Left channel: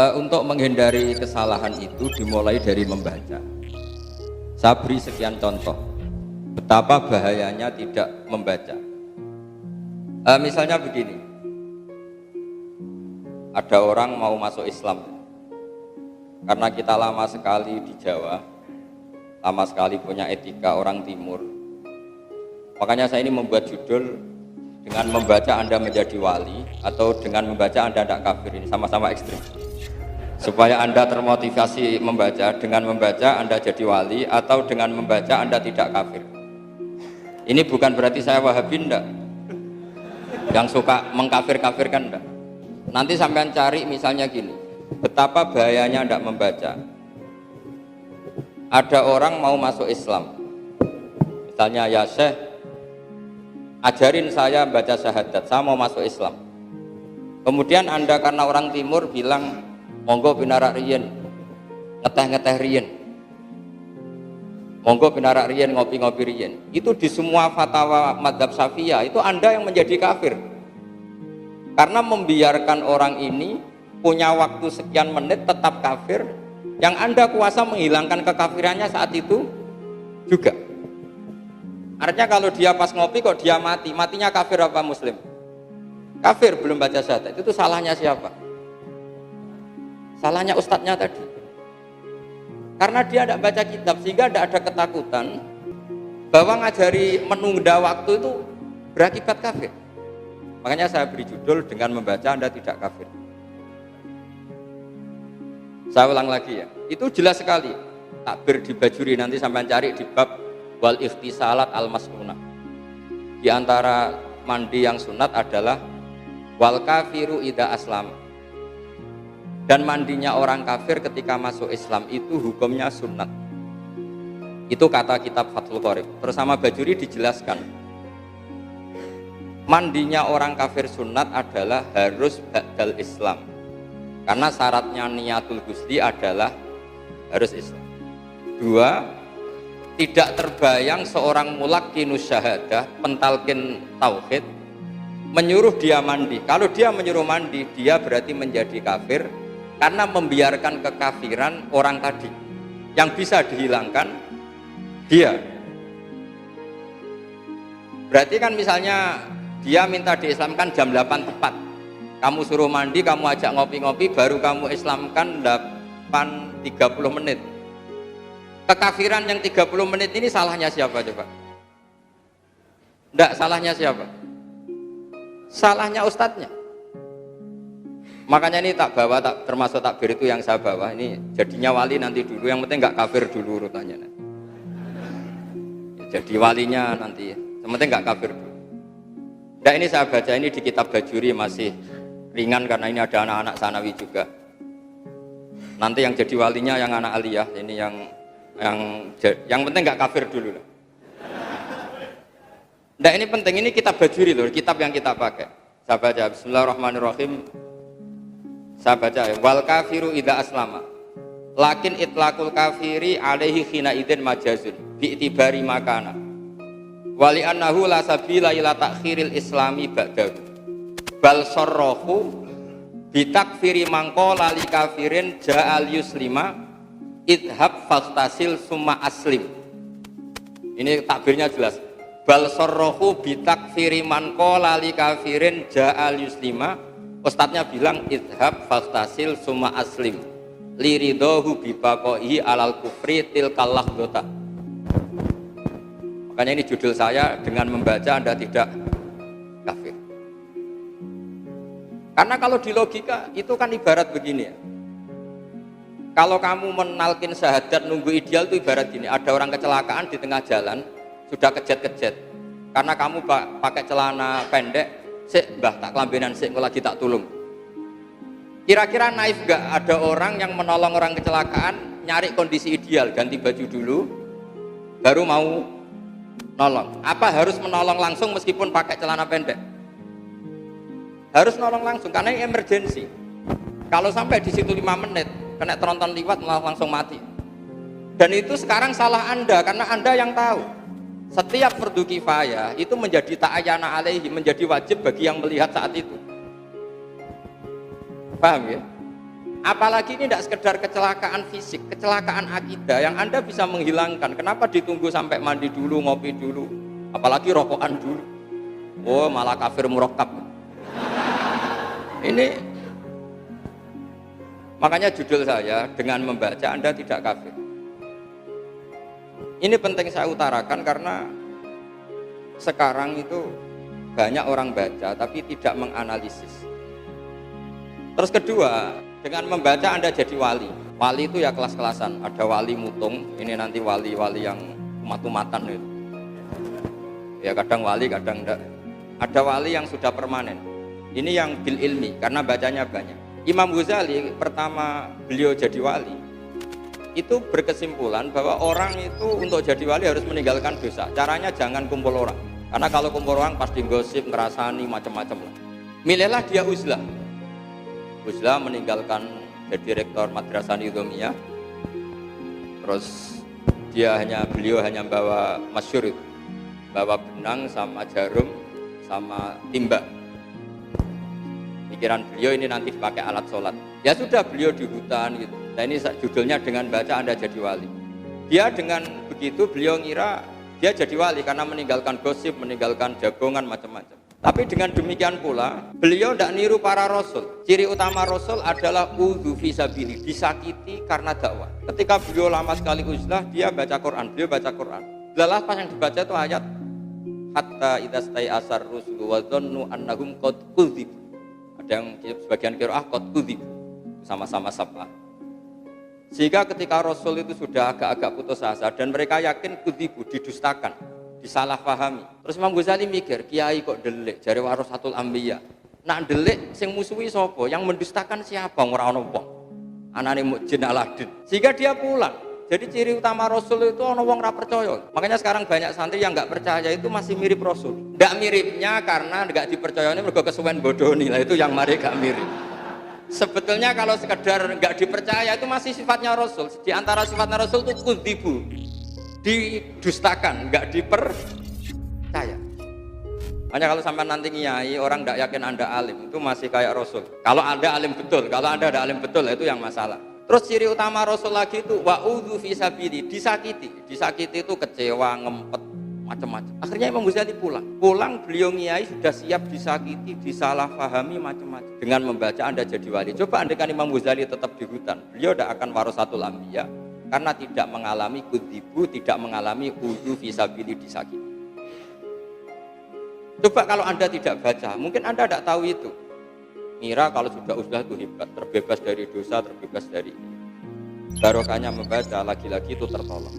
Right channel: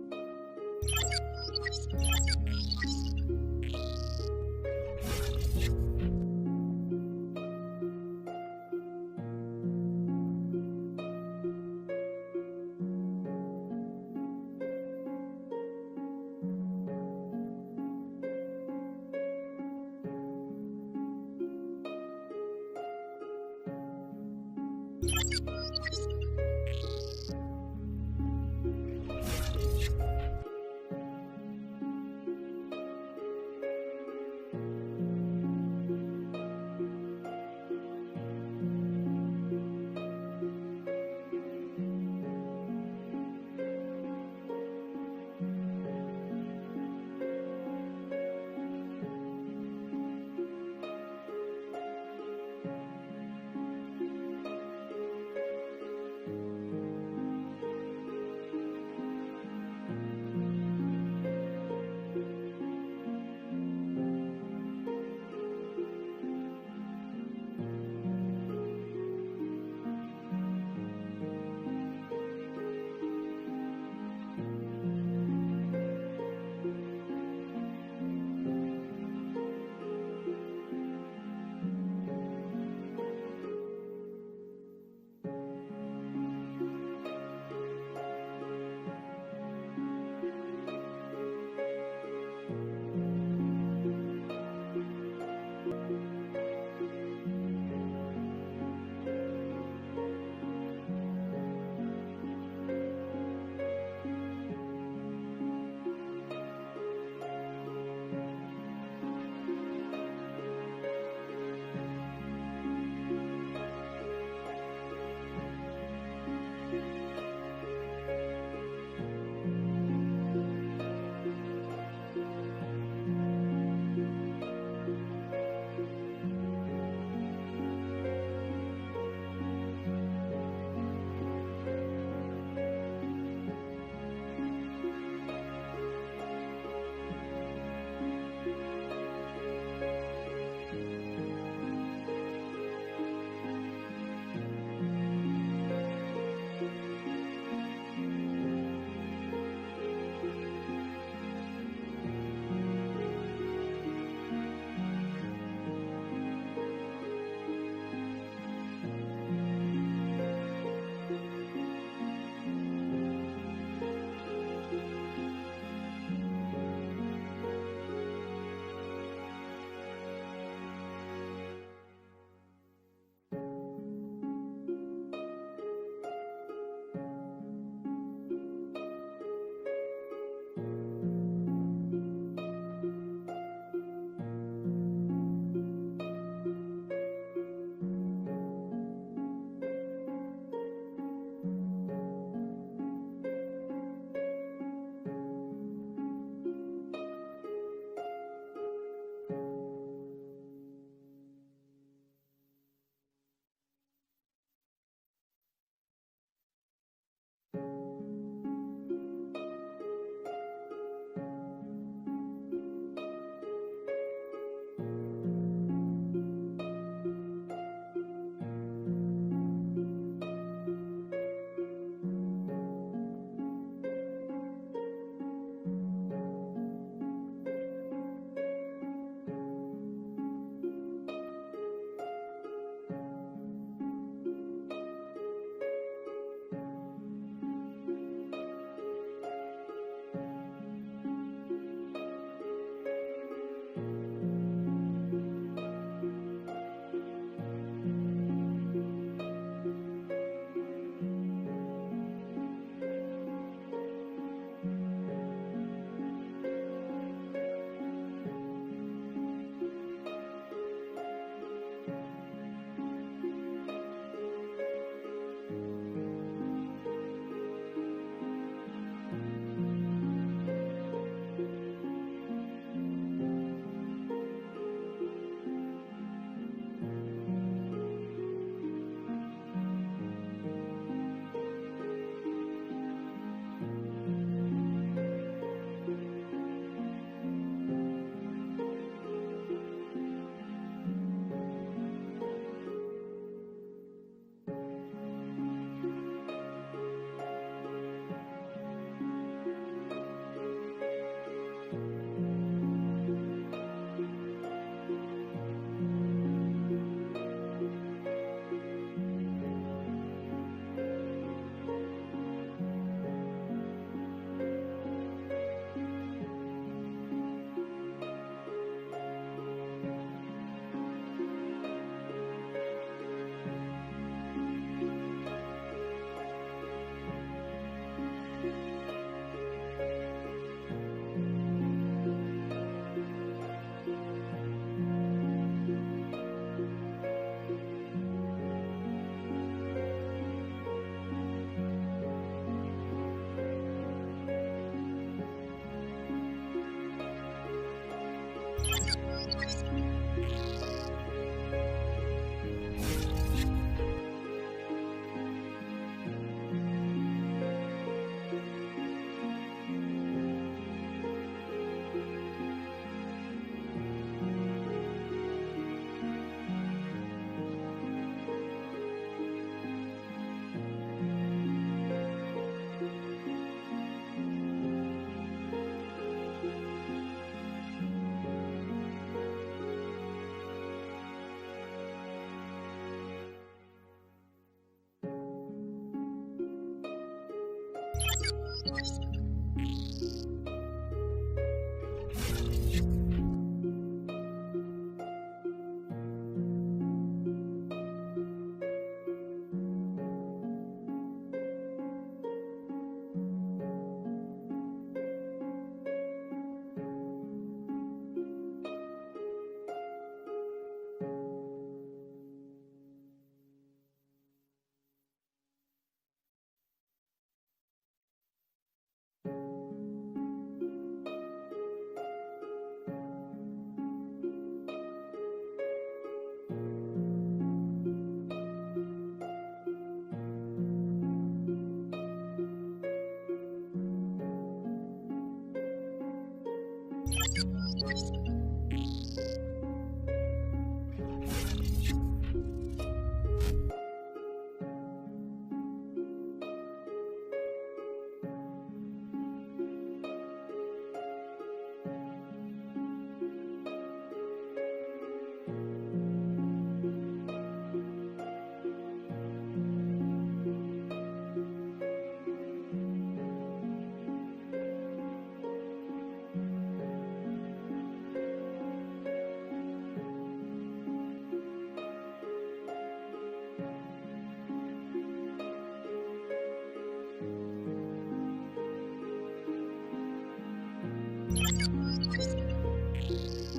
Untuk menghindari kesalahan itu dimulai dari membaca. Saya beri sekian contoh betapa bahayanya tidak membaca. Misalnya begini, ada orang mau masuk Islam. Karena kita lama sekali di Jawa, lama sekali punya etika orang Timur, makanya saya ini membuat judul dengan membaca Anda menjadi wali atau dengan membaca Anda tidak kafir. Ini sama-sama ekstrim, supaya Anda termotivasi membaca. Dengan membaca Anda jadi wali atau dengan membaca Anda tidak kafir. Ini bukan berarti saya Wahabi, enggak, yang suka mengkafir-kafirkan, enggak. Nanti sampean cari misalnya gini, betapa bahayanya tidak membaca. Ada orang mau masuk Islam, misalnya, ya Syekh, ajarin saya baca syahadat, saya mau masuk Islam. Kemudian Anda karena orang Timur bilang, monggo pinarak riyen, ngeteh-ngeteh riyen, monggo pinarak riyen, ngopi-ngopi riyen. Itu di semua fatwa madzhab Syafi'iyah itu Anda yang menjadi kafir. Karena membiarkan orang ini punya waktu sekian menit tetap kafir, yang Anda kuasa menghilangkan kekafirannya saat itu juga. Artinya kalau dia pas ngopi kok dia mati, matinya kafir apa muslim? Kafir, belum baca syahadat. Itu salahnya siapa? Salahnya ustadznya tadi. Karena dia tidak baca kitab, sehingga tidak ada ketakutan bahwa ngajari menunda waktu itu berakibat kafir. Makanya saya beri judul dengan membaca Anda tidak kafir. Saya ulang lagi ya, itu jelas sekali. Takbir di Bajuri, nanti sampai cari di bab wal ikhtisalat al maskunah. Di antara mandi yang sunat adalah wal kafiru idza aslam. Dan mandinya orang kafir ketika masuk Islam itu hukumnya sunat. Itu kata kitab Fathul Qorib. Bersama Bajuri dijelaskan, mandinya orang kafir sunat adalah harus ba'dal Islam, karena syaratnya niatul ghusli adalah harus Islam. Dua, tidak terbayang seorang mulaqinus syahadah, pentalkin tauhid, menyuruh dia mandi. Kalau dia menyuruh mandi, dia berarti menjadi kafir, karena membiarkan kekafiran orang tadi yang bisa dihilangkan dia. Berarti kan misalnya dia minta diislamkan jam 8 tepat, kamu suruh mandi, kamu ajak ngopi-ngopi, baru kamu islamkan 8.30 menit. Kekafiran yang 30 menit ini salahnya siapa coba? Enggak, salahnya siapa? Salahnya ustadznya. Makanya ini tak bawa, tak termasuk takbir itu yang saya bawa. Ini jadinya wali nanti dulu, yang penting enggak kafir dulu urutannya. Jadi walinya nanti, yang penting enggak kafir dulu. Nah, ini saya baca ini di kitab Bajuri, masih ringan karena ini ada anak-anak sanawi juga. Nanti yang jadi walinya yang anak aliyah, ini yang penting nggak kafir dulu lah. Nah, ini penting, ini kitab Bajuri loh, kitab yang kita pakai. Saya baca Bismillahirrahmanirrahim. Saya baca ya, wal kafiru idza aslama. Lakin itlaqul kafiri alaihi khina idin majazun bi itibari makana. Wali annahu la sabila ila takhiril islami ba'dahu bal sarrahu bitakfiri mangqala li kafirin ja'al yuslima idhab fastasil summa aslim. Ini takbirnya jelas, bal sarrahu bitakfiri mangqala li kafirin ja'al yuslima. Ustadznya bilang idhab fastasil summa aslim liridahu bibaqaihi alal kufri tilkal lahdota. Makanya ini judul saya, dengan membaca Anda tidak kafir. Karena kalau di logika itu kan ibarat begini ya. Kalau kamu menalkin syahadat nunggu ideal itu ibarat gini, ada orang kecelakaan di tengah jalan, sudah kejet-kejet. Karena kamu pakai celana pendek, sik mbah tak kelambenan sik lagi tak tulung. Kira-kira naif gak ada orang yang menolong orang kecelakaan, nyari kondisi ideal, ganti baju dulu, baru mau nolong? Apa harus menolong langsung meskipun pakai celana pendek? Harus nolong langsung karena ini emergensi. Kalau sampai di situ 5 menit kena tronton liwat malah langsung mati. Dan itu sekarang salah Anda, karena Anda yang tahu. Setiap fardu kifayah itu menjadi ta'ayyana alaihi, menjadi wajib bagi yang melihat saat itu. Paham ya? Apalagi ini tidak sekedar kecelakaan fisik, kecelakaan akidah yang Anda bisa menghilangkan. Kenapa ditunggu sampai mandi dulu, ngopi dulu, apalagi rokokan dulu? Oh, malah kafir murakkab. Ini makanya judul saya, dengan membaca Anda tidak kafir. Ini penting saya utarakan karena sekarang itu banyak orang baca tapi tidak menganalisis. Terus kedua, dengan membaca Anda jadi wali. Wali itu ya kelas-kelasan. Ada wali mutung, ini nanti wali-wali yang umat-umatan itu. Ya kadang wali, kadang enggak. Ada wali yang sudah permanen. Ini yang bil ilmi, karena bacanya banyak. Imam Ghazali pertama beliau jadi wali, itu berkesimpulan bahwa orang itu untuk jadi wali harus meninggalkan dosa. Caranya jangan kumpul orang. Karena kalau kumpul orang pasti gosip, ngerasani, macam-macam. Milihlah dia uzlah. Uzlah meninggalkan jadi rektor Madrasah Nizamiyah. Terus beliau hanya bawa masyhur itu, bawa benang sama jarum sama timba. Pikiran beliau ini nanti dipakai alat sholat. Ya sudah, beliau di hutan gitu. Nah ini judulnya dengan baca Anda jadi wali. Dia dengan begitu beliau ngira dia jadi wali karena meninggalkan gosip, meninggalkan jagongan macam-macam. Tapi dengan demikian pula beliau tidak niru para rasul. Ciri utama rasul adalah udhu fisabili, disakiti karena dakwah. Ketika beliau lama sekali uzlah, dia baca Quran, beliau baca Quran. Lalah pas yang dibaca itu ayat hatta idastai asar rusul wa dhannu annahum qad kudzib. Ada yang sebagian qiraah qad kudzib, sama-sama sabah. Sehingga ketika Rasul itu sudah agak-agak putus asa dan mereka yakin kudzibu, didustakan, disalahpahami. Terus Imam Ghazali mikir, kiai kok delik, jare warasatul anbiya. Nak delik sing musuhi sapa? Yang mendustakan siapa? Ora ono wong. Anane Mukjin Aladin. Sehingga dia pulang. Jadi ciri utama Rasul itu ono wong ra percaya. Makanya sekarang banyak santri yang enggak percaya itu masih mirip Rasul. Enggak miripnya karena enggak dipercayane mergo kesuwen bodoni. Lah itu yang mari gak mirip. Sebetulnya kalau sekedar enggak dipercaya itu masih sifatnya Rasul. Di antara sifatnya Rasul itu kudzibu, didustakan, enggak dipercaya. Makanya kalau sampai nanti ngiyai orang enggak yakin Anda alim, itu masih kayak Rasul. Kalau Anda alim betul, kalau Anda ada alim betul itu yang masalah. Terus ciri utama Rasul lagi itu wa'udhu fisabili, disakiti. Disakiti itu kecewa, ngempet, macam-macam. Akhirnya Imam Ghazali pulang beliau ngiyai sudah siap disakiti, disalahpahami macam-macam. Dengan membaca Anda jadi wali. Coba andaikan Imam Ghazali tetap di hutan, beliau tidak akan warasatul anbiya karena tidak mengalami kudzibu, tidak mengalami udhu fisabili, disakiti. Coba kalau Anda tidak baca, mungkin Anda tidak tahu itu. Mira kalau sudah uzlah itu hebat, terbebas dari dosa, terbebas dari barokahnya membaca, lagi-lagi itu tertolong.